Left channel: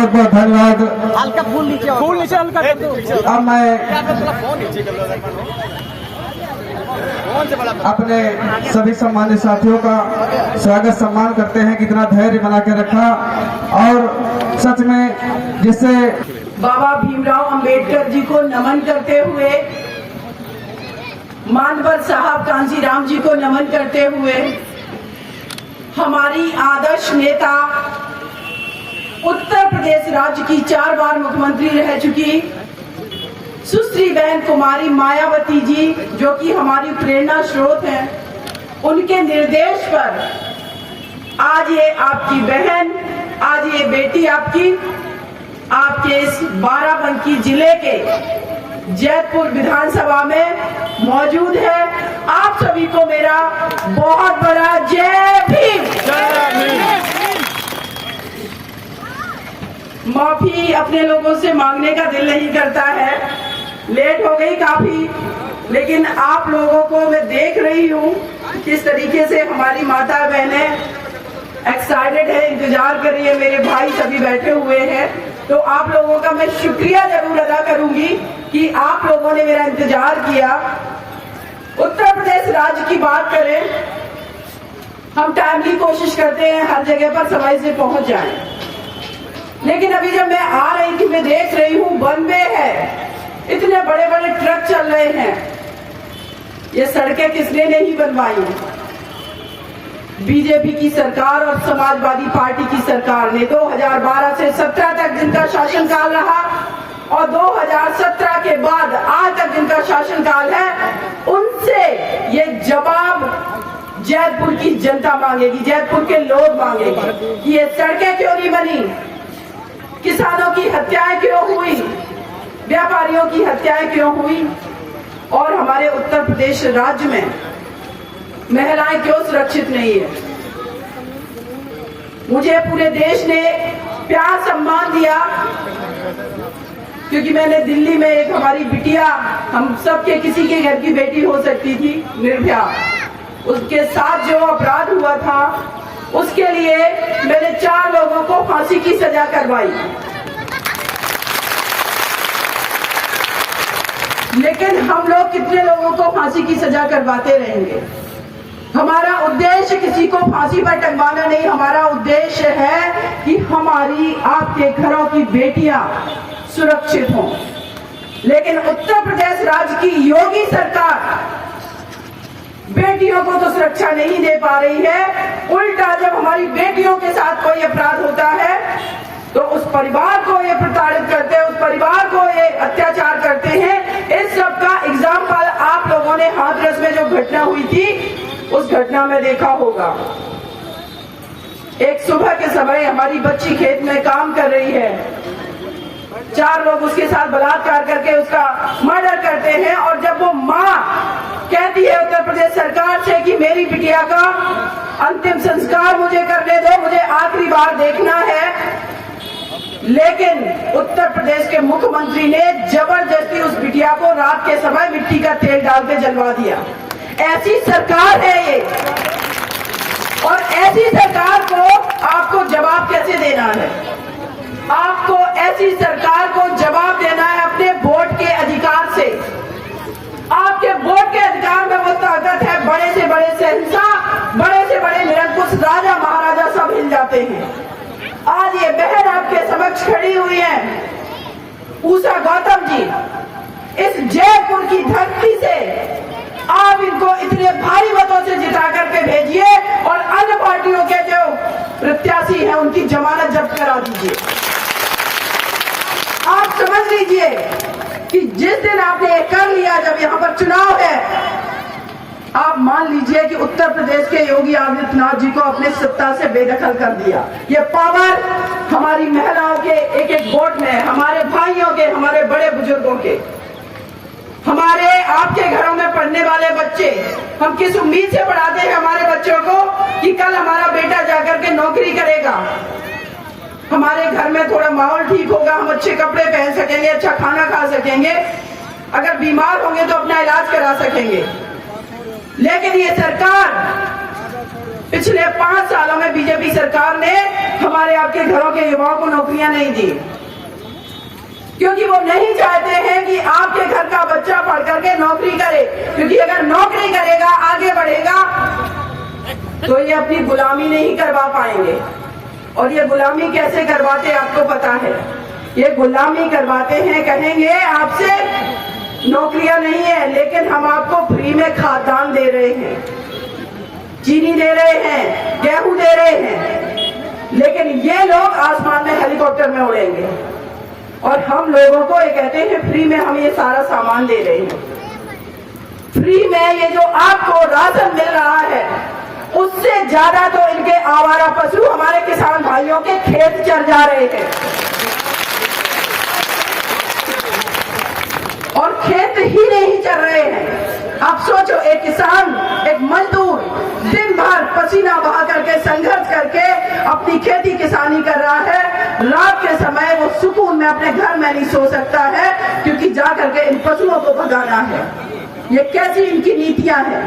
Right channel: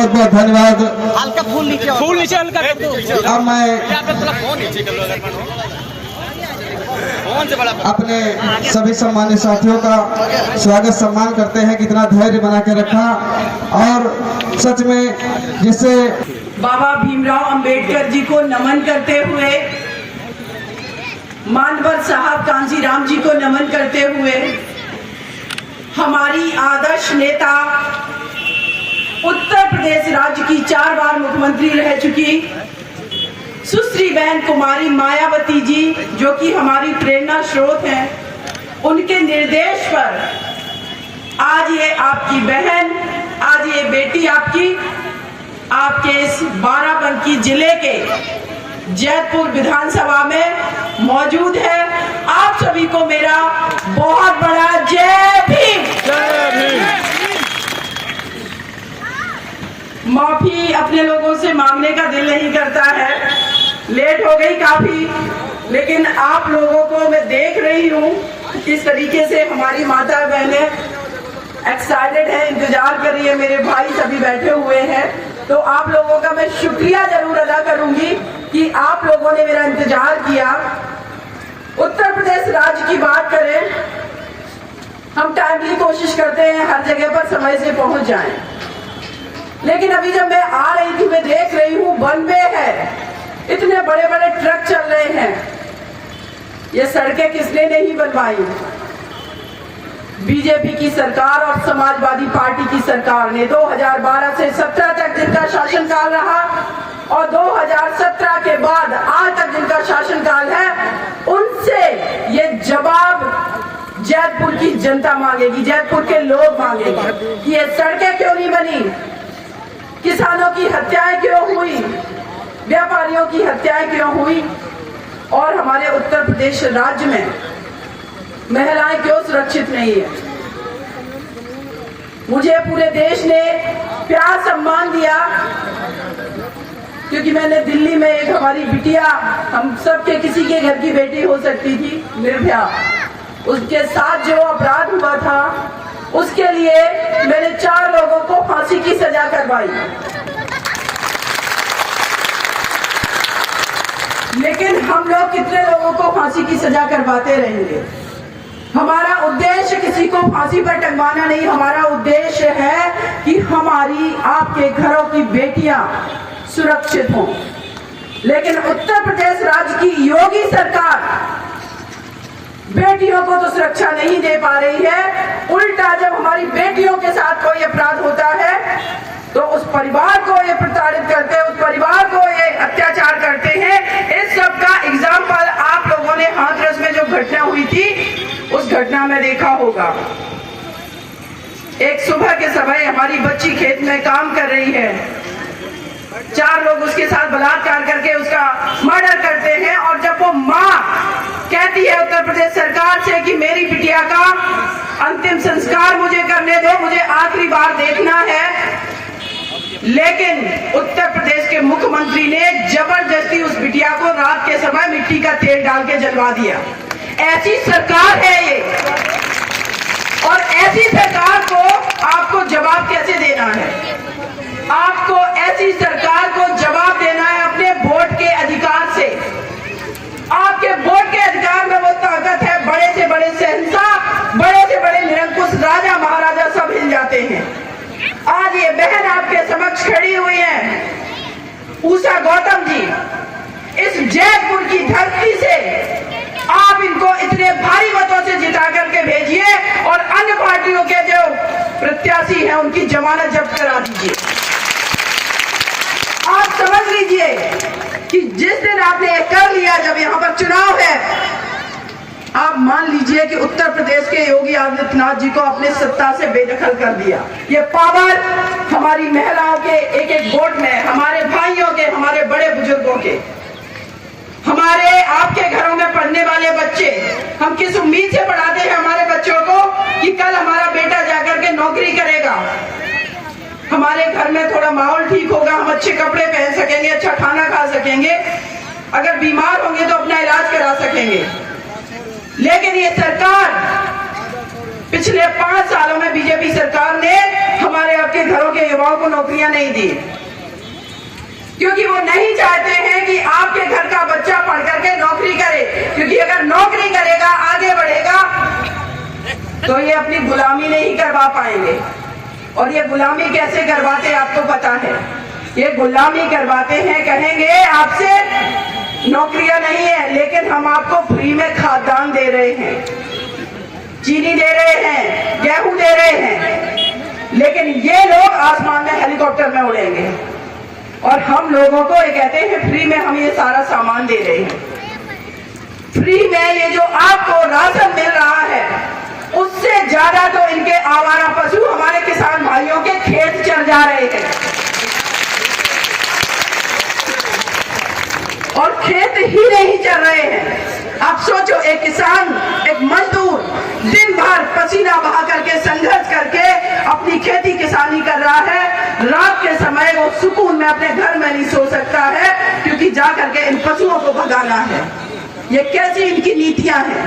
बहुत बहुत धन्यवाद। हल्का फूल नीचे हल्का कर दो। अब मैं अपने सभी सम्मानित साथियों का स्वागत सम्मान करते हैं, कितना धैर्य बना के रखा और सच में जिससे बाबा भीमराव अंबेडकर जी को नमन करते हुए, मानवर साहब कांजीराम जी को नमन करते हुए, हमारी आदर्श नेता उत्तर प्रदेश राज्य की 4 बार मुख्यमंत्री रह चुकी सुश्री बहन कुमारी मायावती जी, जो कि हमारी प्रेरणा स्रोत हैं, उनके निर्देश पर आज ये आपकी बहन, आज ये बेटी आपके इस बाराबंकी जिले के जैतपुर विधानसभा में मौजूद है। आप सभी को मेरा बहुत बड़ा जय भीम। माफी अपने लोगों से मांगने का दिल नहीं करता है, लेट हो गई काफी, लेकिन आप लोगों को मैं देख रही हूँ किस तरीके से हमारी माता बहनें एक्साइटेड है, इंतजार कर रही है, मेरे भाई सभी बैठे हुए हैं, तो आप लोगों का मैं शुक्रिया जरूर अदा करूंगी कि आप लोगों ने मेरा इंतजार किया। उत्तर प्रदेश राज्य की बात करें, हम टाइमली कोशिश करते हैं हर जगह पर समय से पहुंच जाएं, लेकिन अभी जब मैं आ रही थी मैं देख रही हूँ वन वे है, इतने बड़े बड़े ट्रक चल रहे हैं। ये सड़कें किसने नहीं बनवाई? बीजेपी की सरकार और समाजवादी पार्टी की सरकार ने 2012 से 17 तक जिनका शासनकाल रहा और 2017 के बाद आज तक जिनका शासनकाल है, उनसे ये जवाब जैतपुर की जनता मांगेगी, जैतपुर के लोग मांगेंगे कि ये सड़कें क्यों नहीं बनी, किसानों की हत्याएं क्यों हुई, व्यापारियों की हत्याएं क्यों हुई, और हमारे उत्तर प्रदेश राज्य में महिलाएं क्यों सुरक्षित नहीं है। मुझे पूरे देश ने प्यार सम्मान दिया क्योंकि मैंने दिल्ली में एक हमारी बिटिया, हम सबके किसी के घर की बेटी हो सकती थी, निर्भया, उसके साथ जो अपराध हुआ था उसके लिए मैंने 4 लोगों को फांसी की सजा करवाई। लेकिन हम लोग कितने लोगों को फांसी की सजा करवाते रहेंगे? हमारा उद्देश्य किसी को फांसी पर टंगवाना नहीं, हमारा उद्देश्य है कि हमारी आपके घरों की बेटियां सुरक्षित हों। लेकिन उत्तर प्रदेश राज्य की योगी सरकार बेटियों को तो सुरक्षा नहीं दे पा रही है, उल्टा जब हमारी बेटियों के साथ कोई अपराध होता है तो उस परिवार को ये प्रताड़ित करते हैं, उस परिवार को ये अत्याचार करते हैं। इस सब का एग्जाम्पल आप लोगों ने हाथरस में जो घटना हुई थी उस घटना में देखा होगा। एक सुबह के समय हमारी बच्ची खेत में काम कर रही है, 4 लोग उसके साथ बलात्कार करके उसका मर्डर करते हैं, और जब वो माँ कहती है उत्तर प्रदेश सरकार से कि मेरी बिटिया का अंतिम संस्कार मुझे करने दो, मुझे आखिरी बार देखना है, लेकिन उत्तर प्रदेश के मुख्यमंत्री ने जबरदस्ती उस बिटिया को रात के समय मिट्टी का तेल डाल के जलवा दिया। ऐसी सरकार है ये, और ऐसी सरकार को आपको जवाब कैसे देना है? आपको ऐसी सरकार को जवाब देना है अपने वोट के अधिकार से। आपके वोट के अधिकार में वो ताकत है, बड़े से बड़े शहंशाह, बड़े से बड़े निरंकुश राजा महाराजा सब हिल जाते हैं। आज ये बहन आपके समक्ष खड़ी हुई है, उषा गौतम जी, इस जयपुर की धरती से आप इनको इतने भारी मतों से जिता करके भेजिए और अन्य पार्टियों के जो प्रत्याशी हैं उनकी जमानत जब्त करा दीजिए। आप समझ लीजिए कि जिस दिन आपने ये कर लिया, जब यहाँ पर चुनाव है, आप मान लीजिए कि उत्तर प्रदेश के योगी आदित्यनाथ जी को अपने सत्ता से बेदखल कर दिया। ये पावर हमारी महिलाओं के एक एक वोट में, हमारे भाइयों के, हमारे बड़े बुजुर्गों के, हमारे आपके घरों में पढ़ने वाले बच्चे, हम किस उम्मीद से पढ़ाते हैं हमारे बच्चों को कि कल हमारा बेटा जाकर के नौकरी करेगा, हमारे घर में थोड़ा माहौल ठीक होगा, हम अच्छे कपड़े पहन सकेंगे, अच्छा खाना खा सकेंगे, अगर बीमार होंगे तो अपना इलाज करा सकेंगे। लेकिन ये सरकार पिछले 5 सालों में बीजेपी सरकार ने हमारे आपके घरों के युवाओं को नौकरियां नहीं दी, क्योंकि वो नहीं चाहते हैं कि आपके घर का बच्चा पढ़ करके नौकरी करे, क्योंकि अगर नौकरी करेगा, आगे बढ़ेगा, तो ये अपनी गुलामी नहीं करवा पाएंगे। और ये गुलामी कैसे करवाते आपको पता है, ये गुलामी करवाते हैं, कहेंगे आपसे नौकरियां नहीं है, लेकिन हम आपको फ्री में खाद्यान्न दे रहे हैं, चीनी दे रहे हैं, गेहूं दे रहे हैं, लेकिन ये लोग आसमान में हेलीकॉप्टर में उड़ेंगे और हम लोगों को ये कहते हैं फ्री में हम ये सारा सामान दे रहे हैं। फ्री में ये जो आपको राशन मिल रहा है, उससे ज्यादा तो इनके आवारा पशु हमारे किसान भाइयों के खेत चर जा रहे हैं। और खेत ही नहीं चल रहे हैं। आप सोचो, एक किसान, एक मजदूर दिन भर पसीना बहा करके संघर्ष करके अपनी खेती किसानी कर रहा है, रात के समय वो सुकून में अपने घर में नहीं सो सकता है, क्योंकि जा करके इन पशुओं को भगाना है। ये कैसी इनकी नीतियां हैं।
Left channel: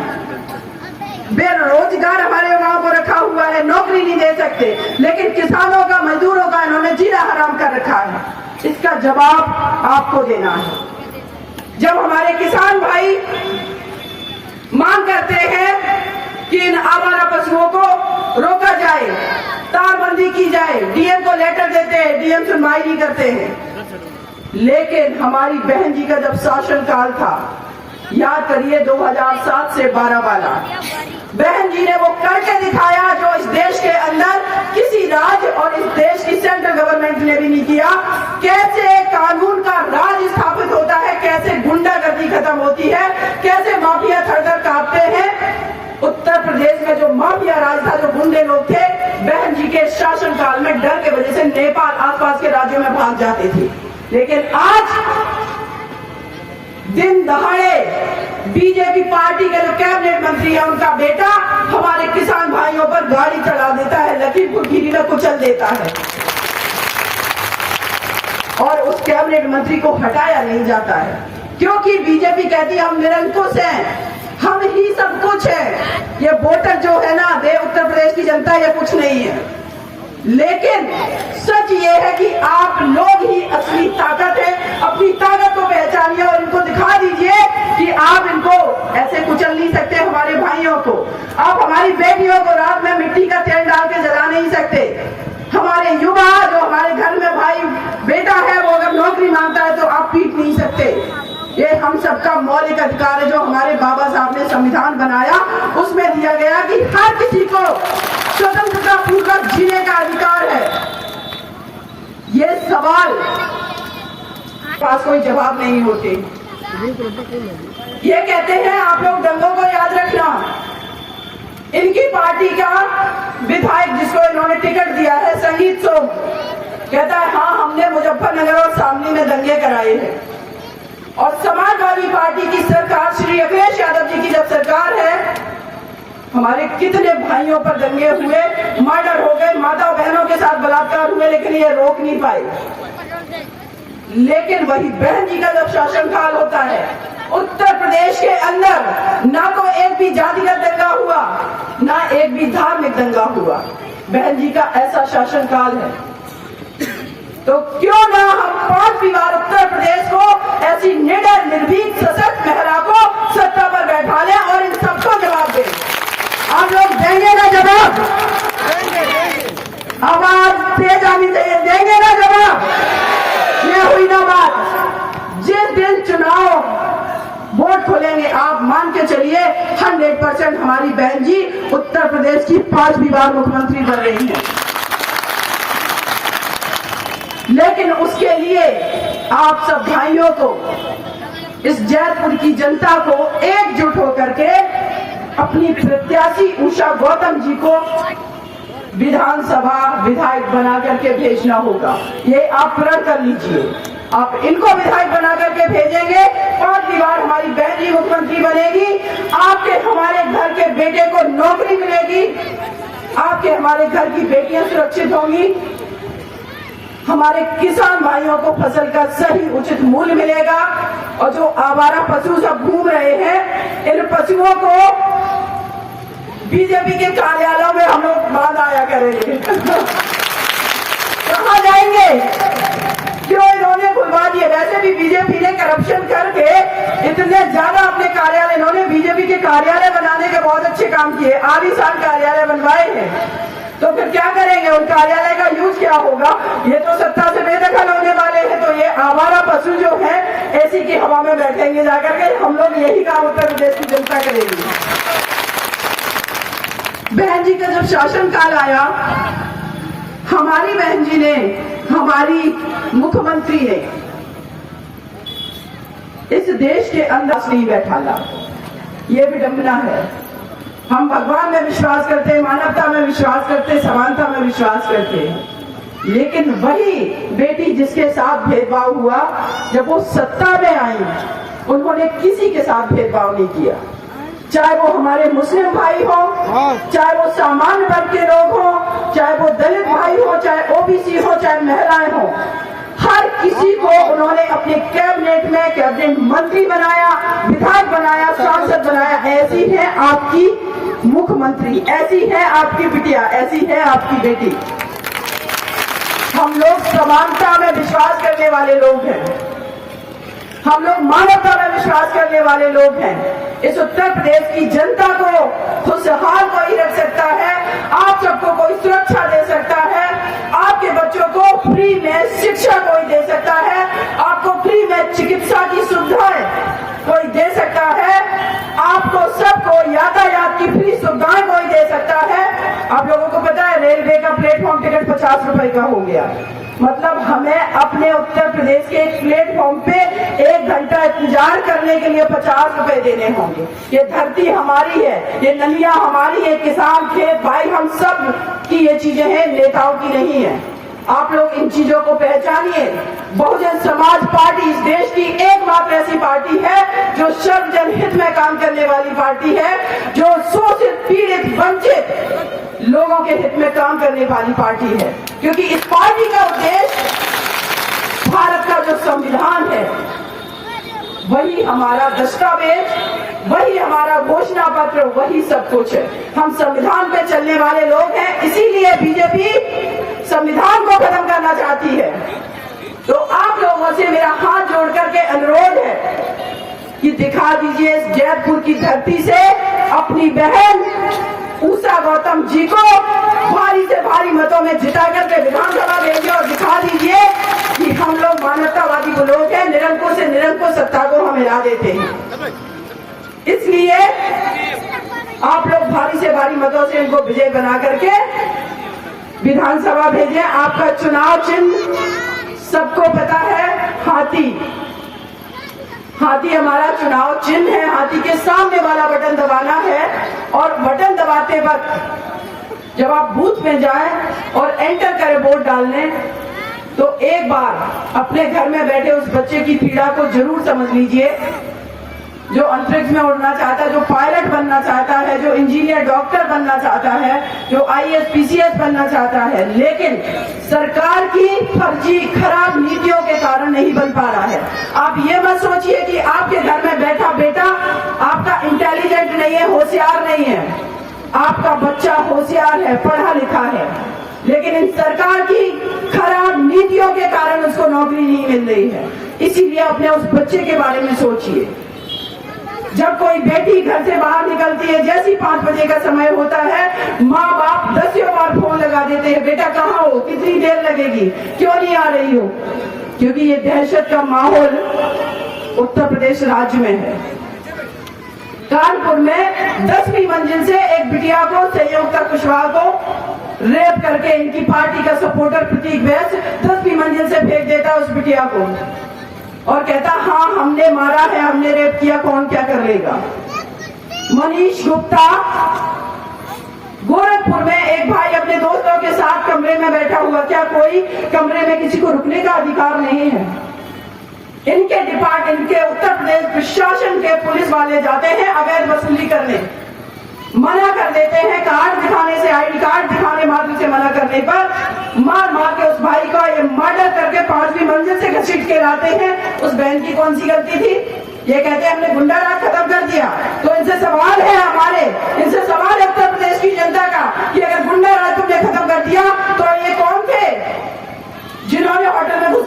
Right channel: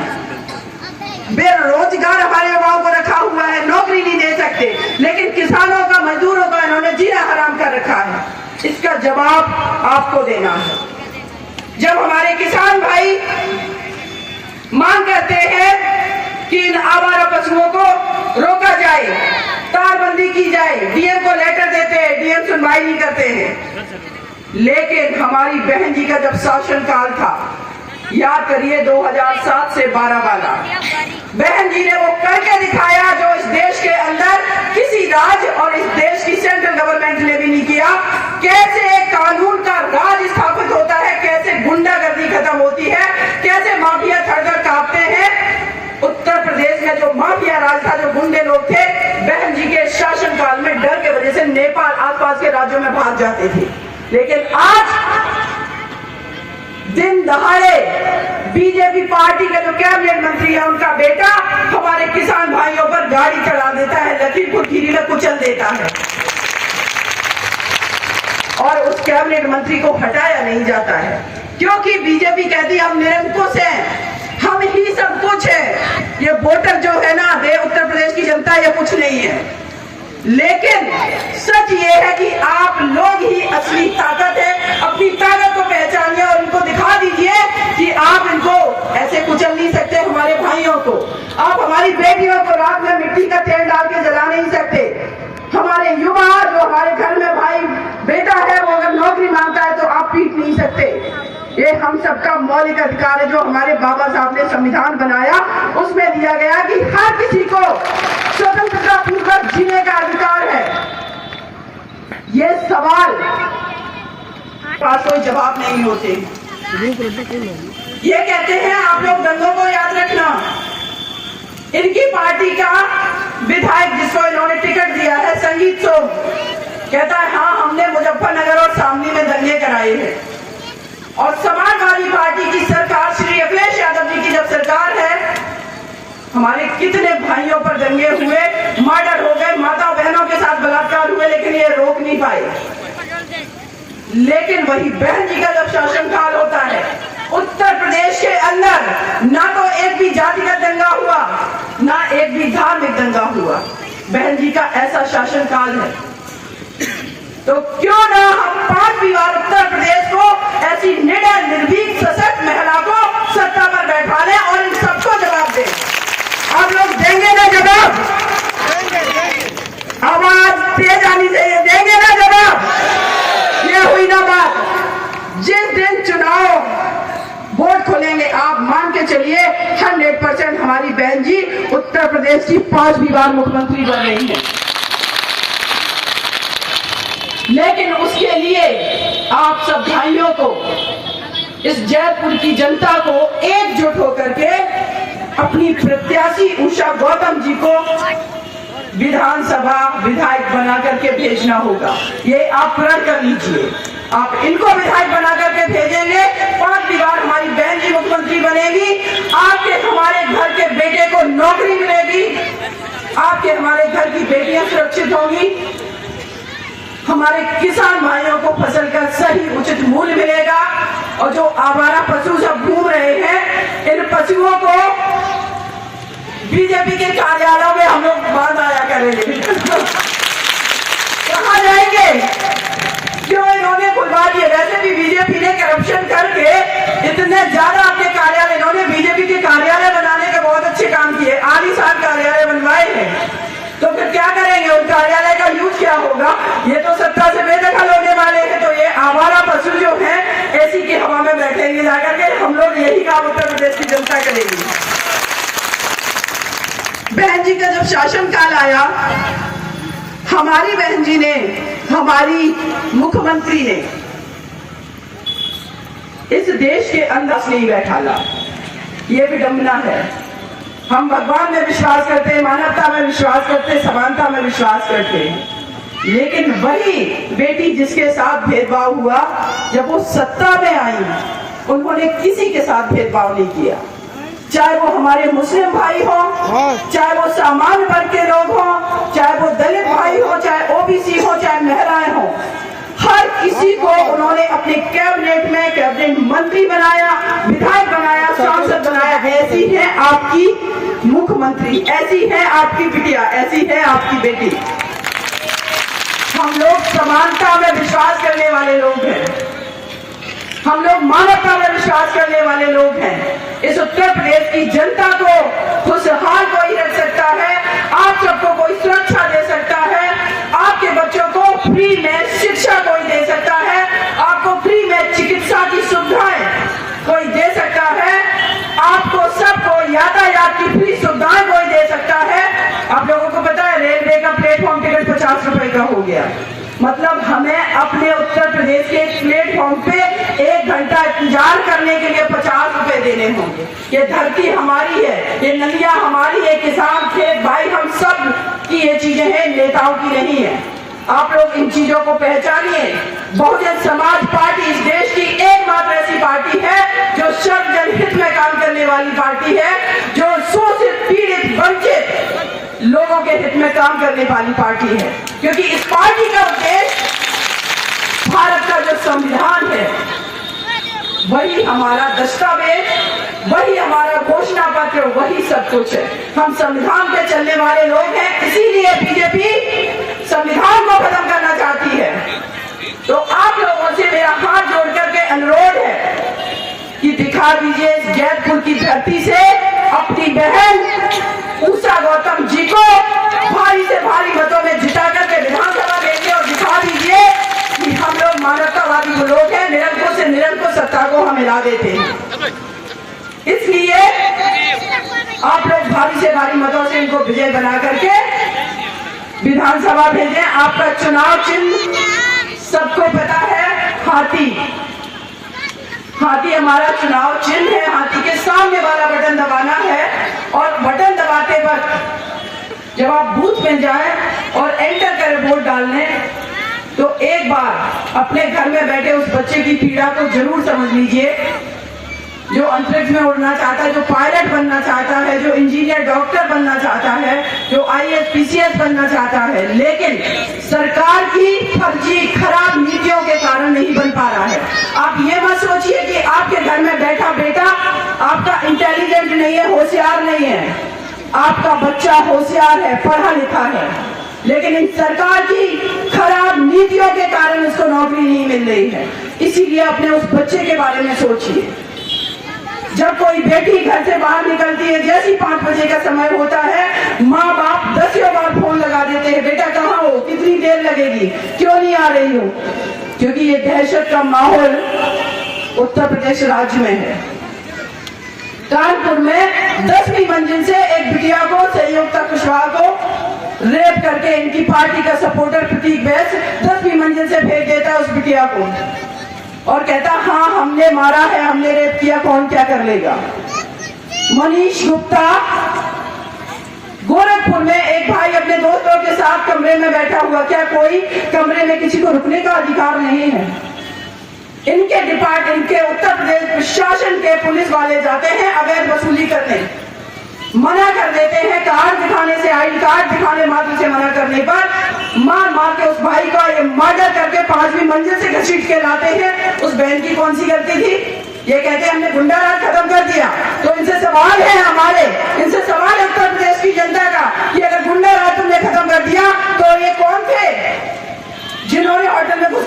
बेरोजगार हमारे युवाओं को रखा हुआ है, नौकरी नहीं दे सकते, लेकिन किसानों का, मजदूरों का इन्होंने जीना हराम कर रखा है। इसका जवाब आपको देना है। जब हमारे किसान भाई मांग करते हैं कि इन आवारा पशुओं को रोका जाए, तारबंदी की जाए, डीएम को लेटर देते हैं, डीएम सुनवाई नहीं करते हैं। लेकिन हमारी बहन जी का जब शासनकाल था, याद करिए 2007 से 12 वाला, बहन जी ने वो करके दिखाया जो इस देश के अंदर किसी राज्य और इस देश की सेंट्रल गवर्नमेंट ने भी नहीं किया। कैसे कानून का राज स्थापित होता है, कैसे गुंडागर्दी खत्म होती है, कैसे माफिया थर-थर कांपते हैं। उत्तर प्रदेश में जो माफिया राज था, जो गुंडे लोग थे, बहन जी के शासनकाल में डर के वजह से नेपाल आसपास के राज्यों में भाग जाते थे। लेकिन आज दिन दहाड़े बीजेपी पार्टी का जो कैबिनेट मंत्री है, उनका बेटा हमारे किसान भाइयों पर गाड़ी चढ़ा देता है, लखीमपुर खीरी में कुचल देता है, और उस कैबिनेट मंत्री को हटाया नहीं जाता है, क्योंकि बीजेपी कहती है हम निरंकुश हैं, हम ही सब कुछ है। ये वोटर जो है ना, उत्तर प्रदेश की जनता, ये कुछ नहीं है। लेकिन सच ये है कि आप लोग ही असली ताकत है। अपनी ताकत को पहचानिए और इनको दिखा दीजिए कि आप इनको ऐसे कुचल नहीं सकते। हमारे भाइयों को, आप हमारी बेटियों को रात में मिट्टी का तेल डाल के जला नहीं सकते। हमारे युवा, जो हमारे घर में भाई बेटा है, वो अगर नौकरी मांगता है तो आप पीट नहीं सकते। ये हम सबका मौलिक अधिकार है, जो हमारे बाबा साहब ने संविधान बनाया, उसमें दिया गया कि हर किसी को स्वतंत्रता पूर्वक जीने का अधिकार है। ये सवाल पास कोई जवाब नहीं होते। ये कहते हैं आप लोग दंगों को याद रखना। इनकी पार्टी का विधायक, जिसको इन्होंने टिकट दिया है, संगीत सोम, कहता है हाँ हमने मुजफ्फरनगर और सामनी में दंगे कराए हैं। और समाजवादी पार्टी की सरकार, श्री अखिलेश यादव जी की जब सरकार है, हमारे कितने भाइयों पर दंगे हुए, मर्डर हो गए, माता बहनों के साथ बलात्कार हुए, लेकिन ये रोक नहीं पाए। लेकिन वही बहन जी का जब शासनकाल होता है, उत्तर प्रदेश के अंदर ना तो एक भी जातिगत दंगा हुआ, ना एक भी धार्मिक दंगा हुआ। बहन जी का ऐसा शासनकाल है, तो क्यों ना हम 5वीं बार उत्तर प्रदेश को ऐसी निडर, निर्भीक, सशक्त महिला को सत्ता पर बैठा लें और इन सबको जवाब दें। आप लोग देंगे ना जवाब? आवाज तेज आनी चाहिए, देंगे ना जवाब? ये हुई ना बात। जिस दिन चुनाव वोट खोलेंगे, आप मान के चलिए 100% हमारी बहन जी उत्तर प्रदेश की 5वीं बार मुख्यमंत्री बन रही है। लेकिन उसके लिए आप सब भाइयों को, इस जयपुर की जनता को एकजुट होकर के अपनी प्रत्याशी उषा गौतम जी को विधानसभा विधायक बना करके भेजना होगा। ये आप प्रण कर लीजिए। आप इनको विधायक बना करके भेजेंगे, 5वीं बार हमारी बहन जी मुख्यमंत्री बनेगी, आपके हमारे घर के बेटे को नौकरी मिलेगी, आपके हमारे घर की बेटियां सुरक्षित होंगी, हमारे किसान भाइयों को फसल का सही उचित मूल्य मिलेगा, और जो आवारा पशु सब घूम रहे हैं, इन पशुओं को बीजेपी के कार्यालयों में करेंगे। कहाँ जाएंगे? क्यों इन्होंने खुलवा दिए? वैसे भी बीजेपी ने करप्शन करके इतने ज्यादा अपने कार्यालय, इन्होंने बीजेपी के कार्यालय बनाने के बहुत अच्छे काम किए, आलीशान कार्यालय बनवाए हैं, तो फिर क्या करेंगे? उन कार्यालय का यूज क्या होगा? ये तो सत्ता से बेदखल होने वाले हैं, तो ये आवारा पशु जो है एसी की हवा में बैठेंगे जाकर के। हम लोग यही काम उत्तर प्रदेश की जनता करेगी। बहन जी का जब शासन काल आया, हमारी बहन जी ने, हमारी मुख्यमंत्री ने इस देश के अंदर नहीं बैठाला। ये विडंबना है। हम भगवान में विश्वास करते हैं, मानवता में विश्वास करते हैं, समानता में विश्वास करते हैं, लेकिन वही बेटी जिसके साथ भेदभाव हुआ, जब वो सत्ता में आई, उन्होंने किसी के साथ भेदभाव नहीं किया। चाहे वो हमारे मुस्लिम भाई हो, चाहे वो सामान्य वर्ग के लोग हो, चाहे वो दलित भाई हो, चाहे ओबीसी हो, चाहे महिलाएं हो, हर किसी को उन्होंने अपने कैबिनेट में कैबिनेट मंत्री बनाया, विधायक बनाया, सांसद बनाया। ऐसी है आपकी मुख्यमंत्री, ऐसी है आपकी बिटिया, ऐसी है आपकी बेटी। हम लोग समानता में विश्वास करने वाले लोग हैं, हम लोग मानवता में विश्वास करने वाले लोग हैं। इस उत्तर प्रदेश की जनता को खुशहाल कोई रख सकता है, आप सबको कोई सुरक्षा दे सकता है, आपके बच्चों को फ्री में शिक्षा कोई दे सकता है, आपको फ्री में चिकित्सा की सुविधाएं कोई दे सकता है, आपको सबको यातायात की फ्री सुविधाएं कोई दे सकता है। आप लोगों को पता है रेलवे का प्लेटफॉर्म टिकट 50 रुपए का हो गया। मतलब हमें अपने उत्तर प्रदेश के प्लेटफॉर्म पे 1 घंटा इंतजार करने के लिए 50 रुपए देने होंगे। ये धरती हमारी है, ये नदियां हमारी है, किसान, खेत भाई, हम सब की ये चीजें हैं, नेताओं की नहीं है। आप लोग इन चीजों को पहचानिए। बहुजन समाज पार्टी इस देश की एकमात्र ऐसी पार्टी है जो सब जनहित में काम करने वाली पार्टी है, जो शोषित, पीड़ित, वंचित लोगों के हित में काम करने वाली पार्टी है। क्योंकि इस पार्टी का उद्देश्य भारत का जो संविधान है, वही हमारा दस्तावेज, वही हमारा घोषणा पत्र, वही सब कुछ है। हम संविधान पे चलने वाले लोग हैं, इसीलिए बीजेपी संविधान को खत्म करना चाहती है। तो आप लोगों से मेरा हाथ जोड़ करके अनुरोध है कि दिखा दीजिए जैतपुर की धरती से अपनी बहन उषा गौतम जी को भारी से भारी मतों में जिता करके विधानसभा देंगे, और दिखा दीजिए कि हम लोग मानवतावादी लोग हैं, निरंकुश से निरंकुश सत्ता को हम हिला देते हैं। इसलिए आप लोग भारी से भारी मतों से इनको विजय बना करके विधानसभा भेजें। आपका चुनाव चिन्ह सबको पता है, हाथी। हाथी हमारा चुनाव चिन्ह है। हाथी के सामने वाला बटन दबाना है, और बटन दबाते वक्त जब आप बूथ में जाएं और एंटर करें वोट डालने, तो एक बार अपने घर में बैठे उस बच्चे की पीड़ा को जरूर समझ लीजिए, जो अंतरिक्ष में उड़ना चाहता है, जो पायलट बनना चाहता है, जो इंजीनियर, डॉक्टर बनना चाहता है, जो IAS, PCS बनना चाहता है, लेकिन सरकार की फर्जी खराब नीतियों के कारण नहीं बन पा रहा है। आप ये मत सोचिए कि आपके घर में बैठा बेटा आपका इंटेलिजेंट नहीं है, होशियार नहीं है। आपका बच्चा होशियार है, पढ़ा लिखा है, लेकिन इन सरकार की खराब नीतियों के कारण उसको नौकरी नहीं मिल रही है। इसीलिए अपने उस बच्चे के बारे में सोचिए। जब कोई बेटी घर से बाहर निकलती है, जैसी 5 बजे का समय होता है, माँ बाप 10 बार फोन लगा देते हैं, बेटा कहाँ हो, कितनी देर लगेगी, क्यों नहीं आ रही हो? क्योंकि ये दहशत का माहौल उत्तर प्रदेश राज्य में है। कानपुर में 10वीं मंजिल से एक बिटिया को, संयुक्ता कुशवाहा को रेप करके इनकी पार्टी का सपोर्टर प्रतीक वैश्य 10वीं मंजिल से फेंक देता है उस बिटिया को, और कहता हाँ हमने मारा है, हमने रेप किया, कौन क्या कर लेगा। मनीष गुप्ता गोरखपुर में एक भाई अपने दोस्तों के साथ कमरे में बैठा हुआ, क्या कोई कमरे में किसी को रुकने का अधिकार नहीं है? इनके डिपार्टमेंट के उत्तर प्रदेश प्रशासन के पुलिस वाले जाते हैं अवैध वसूली करने, मना कर देते हैं, कार्ड दिखाने से, ID कार्ड दिखाने मात्र से मना करने पर मार के उस भाई का ये मर्डर करके 5वीं मंजिल से घसीट के लाते हैं। उस बहन की कौन सी गलती थी? ये कहते हैं हमने गुंडा राज खत्म कर दिया। तो इनसे सवाल है, हमारे इनसे सवाल है उत्तर प्रदेश की जनता का कि अगर गुंडा राज तुमने खत्म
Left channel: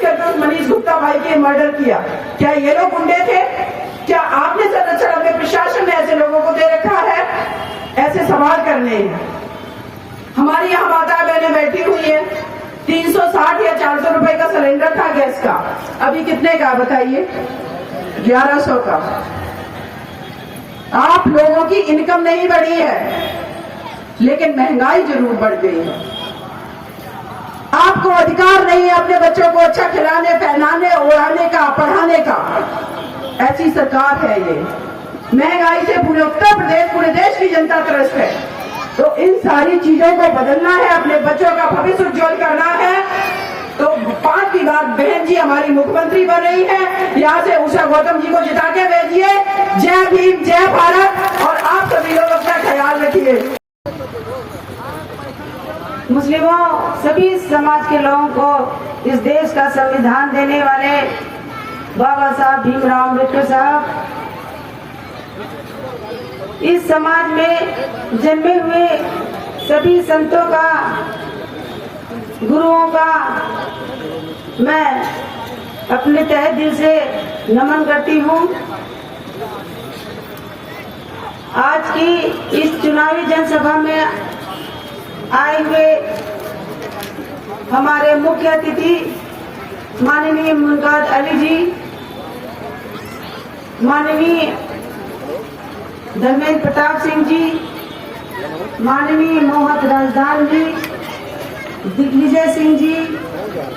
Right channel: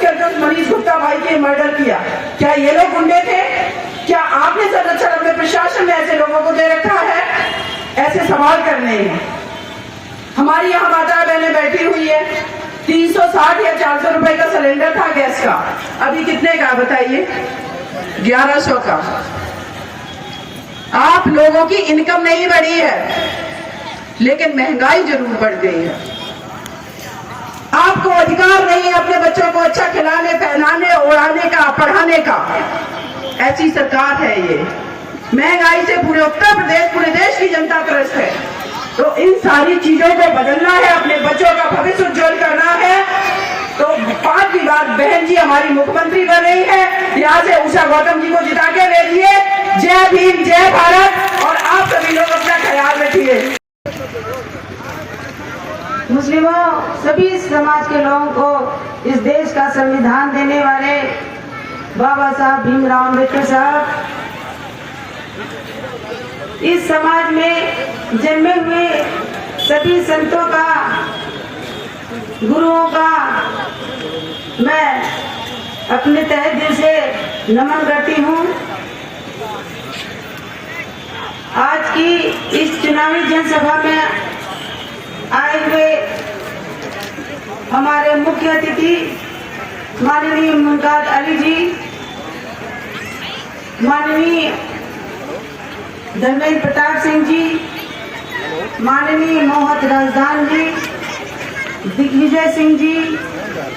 करके उस मनीष गुप्ता भाई के मर्डर किया। क्या ये लोग गुंडे थे? क्या आपने संरक्षण अपने प्रशासन ने ऐसे लोगों को दे रखा है? ऐसे सवाल करने हैं। हमारी यहाँ माता बहनें बैठी हुई है, 360 या 400 रुपए का सिलेंडर था गैस का, अभी कितने का बताइए? 1100 का। आप लोगों की इनकम नहीं बढ़ी है, लेकिन महंगाई जरूर बढ़ गई है। आपको अधिकार नहीं है अपने बच्चों को अच्छा खिलाने, पहनाने, उड़ाने का, पढ़ाने का। ऐसी सरकार है ये। महंगाई से पूरे उत्तर प्रदेश, पूरे देश की जनता त्रस्त है। तो इन सारी चीजों को बदलना है, अपने बच्चों का भविष्य उज्जवल करना है। तो 5 बार बहन जी हमारी मुख्यमंत्री बन रही है, यहाँ से उषा गौतम जी को जिता के भेजिए। जय भीम, जय भारत। और आप सभी लोग अपना ख्याल रखिए। मुस्लिमों, सभी समाज के लोगों को इस देश का संविधान देने वाले बाबा साहब भीमराव अम्बेडकर साहब इस समाज में जन्मे हुए सभी संतों का, गुरुओं का मैं अपने तहे दिल से नमन करती हूँ। आज की इस चुनावी जनसभा में आए हुए हमारे मुख्य अतिथि माननीय मुमताज अली जी, माननीय धर्मेंद्र प्रताप सिंह जी, माननीय मोहत राजदान जी, दिग्विजय सिंह जी,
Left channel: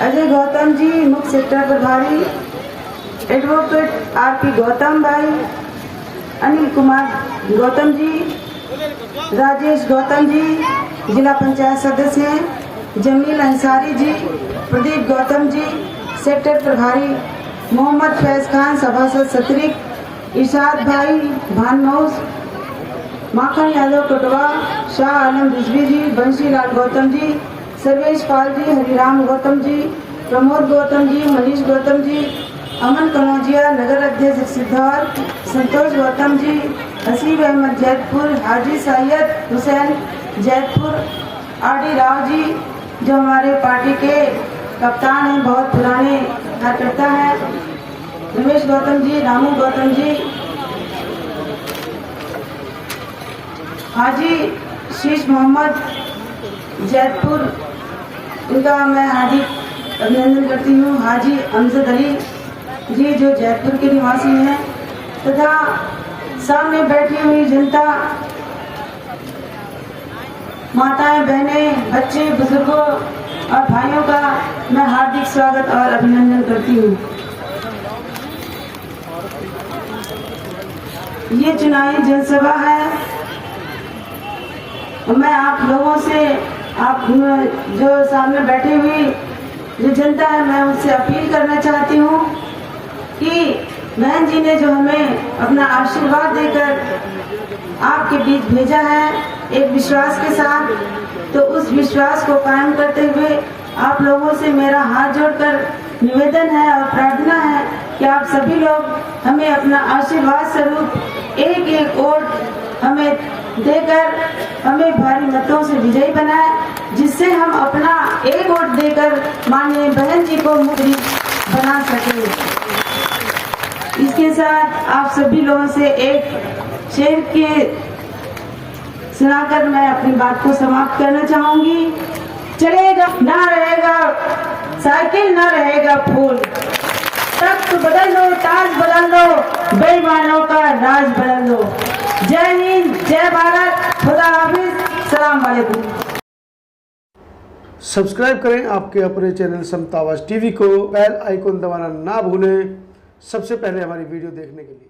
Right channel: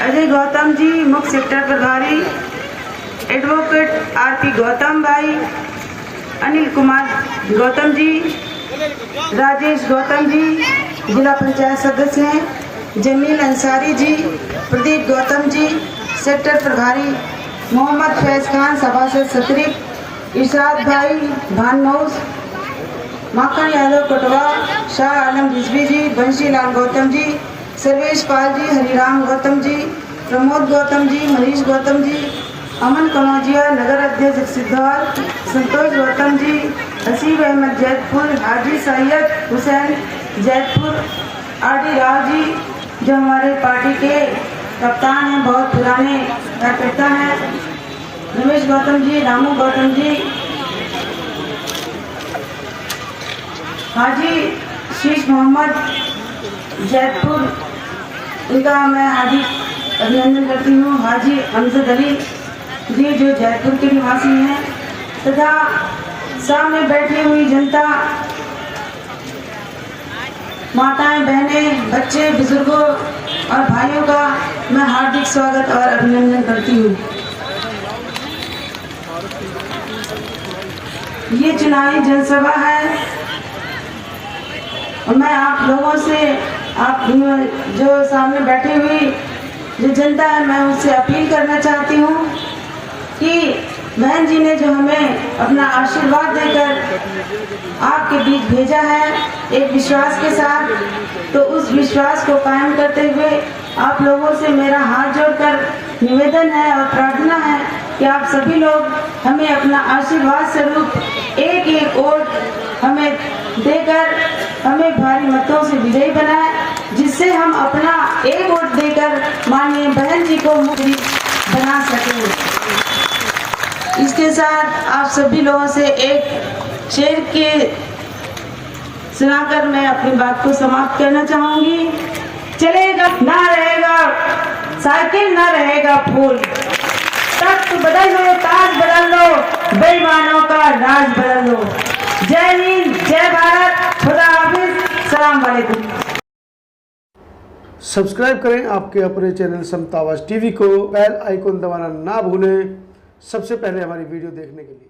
अजय गौतम जी, मुख्य सेक्टर प्रभारी, एडवोकेट आरपी गौतम भाई, अनिल कुमार गौतम जी, राजेश गौतम जी, जिला पंचायत सदस्य जमील अंसारी जी, प्रदीप गौतम जी, सेक्टर प्रभारी, मोहम्मद फैज खान सभासद सतरिक, इरशाद भाई भानौस, माखन यादव कटवा, शाह आलम रिजवी जी, बंशी लाल गौतम जी, सर्वेश पाल जी, हरिराम गौतम जी, प्रमोद गौतम जी, मनीष गौतम जी, अमन कनौजिया, नगर अध्यक्ष सिद्धार्थ, संतोष गौतम जी, हसीब अहमद जैतपुर, हाजी सैयद हुसैन जैतपुर, आरडी राव जी जो हमारे पार्टी के कप्तान हैं, बहुत पुराने कार्यकर्ता हैं, रमेश गौतम जी, रामू गौतम जी, हाजी शीश मोहम्मद जैतपुर, इनका मैं हार्दिक अभिनंदन करती हूँ। हाजी अमजद अली जी जो जयपुर के निवासी हैं, तथा सामने बैठी हुई जनता, माताएं, बहनें, बच्चे, बुजुर्गों और भाइयों का मैं हार्दिक स्वागत और अभिनंदन करती हूँ। ये चुनावी जनसभा है और मैं आप लोगों से, आप जो सामने बैठी हुई जो जनता है, मैं उससे अपील करना चाहती हूँ कि बहन जी ने जो हमें अपना आशीर्वाद देकर आपके बीच भेजा है एक विश्वास के साथ, तो उस विश्वास को कायम करते हुए आप लोगों से मेरा हाथ जोड़कर निवेदन है और प्रार्थना है कि आप सभी लोग हमें अपना आशीर्वाद स्वरूप एक एक वोट हमें देकर हमें भारी मतों से विजयी बनाए, जिससे हम अपना एक वोट देकर माननीय बहन जी को मुख्यमंत्री बना सकें। इसके साथ आप सभी लोगों से एक शेर के सुनाकर मैं अपनी बात को समाप्त करना चाहूंगी। चलेगा ना रहेगा साइकिल, ना रहेगा फूल, तख्त बदल लो, ताज बदल लो, बेईमानों का राज बदल लो। जय हिंद, जय भारत, खुदा हाफिज, सलाम वालेकुम। सब्सक्राइब करें आपके अपने चैनल समता आवाज़ टीवी को, बेल आइकन दबाना ना भूलें सबसे पहले हमारी वीडियो देखने के लिए।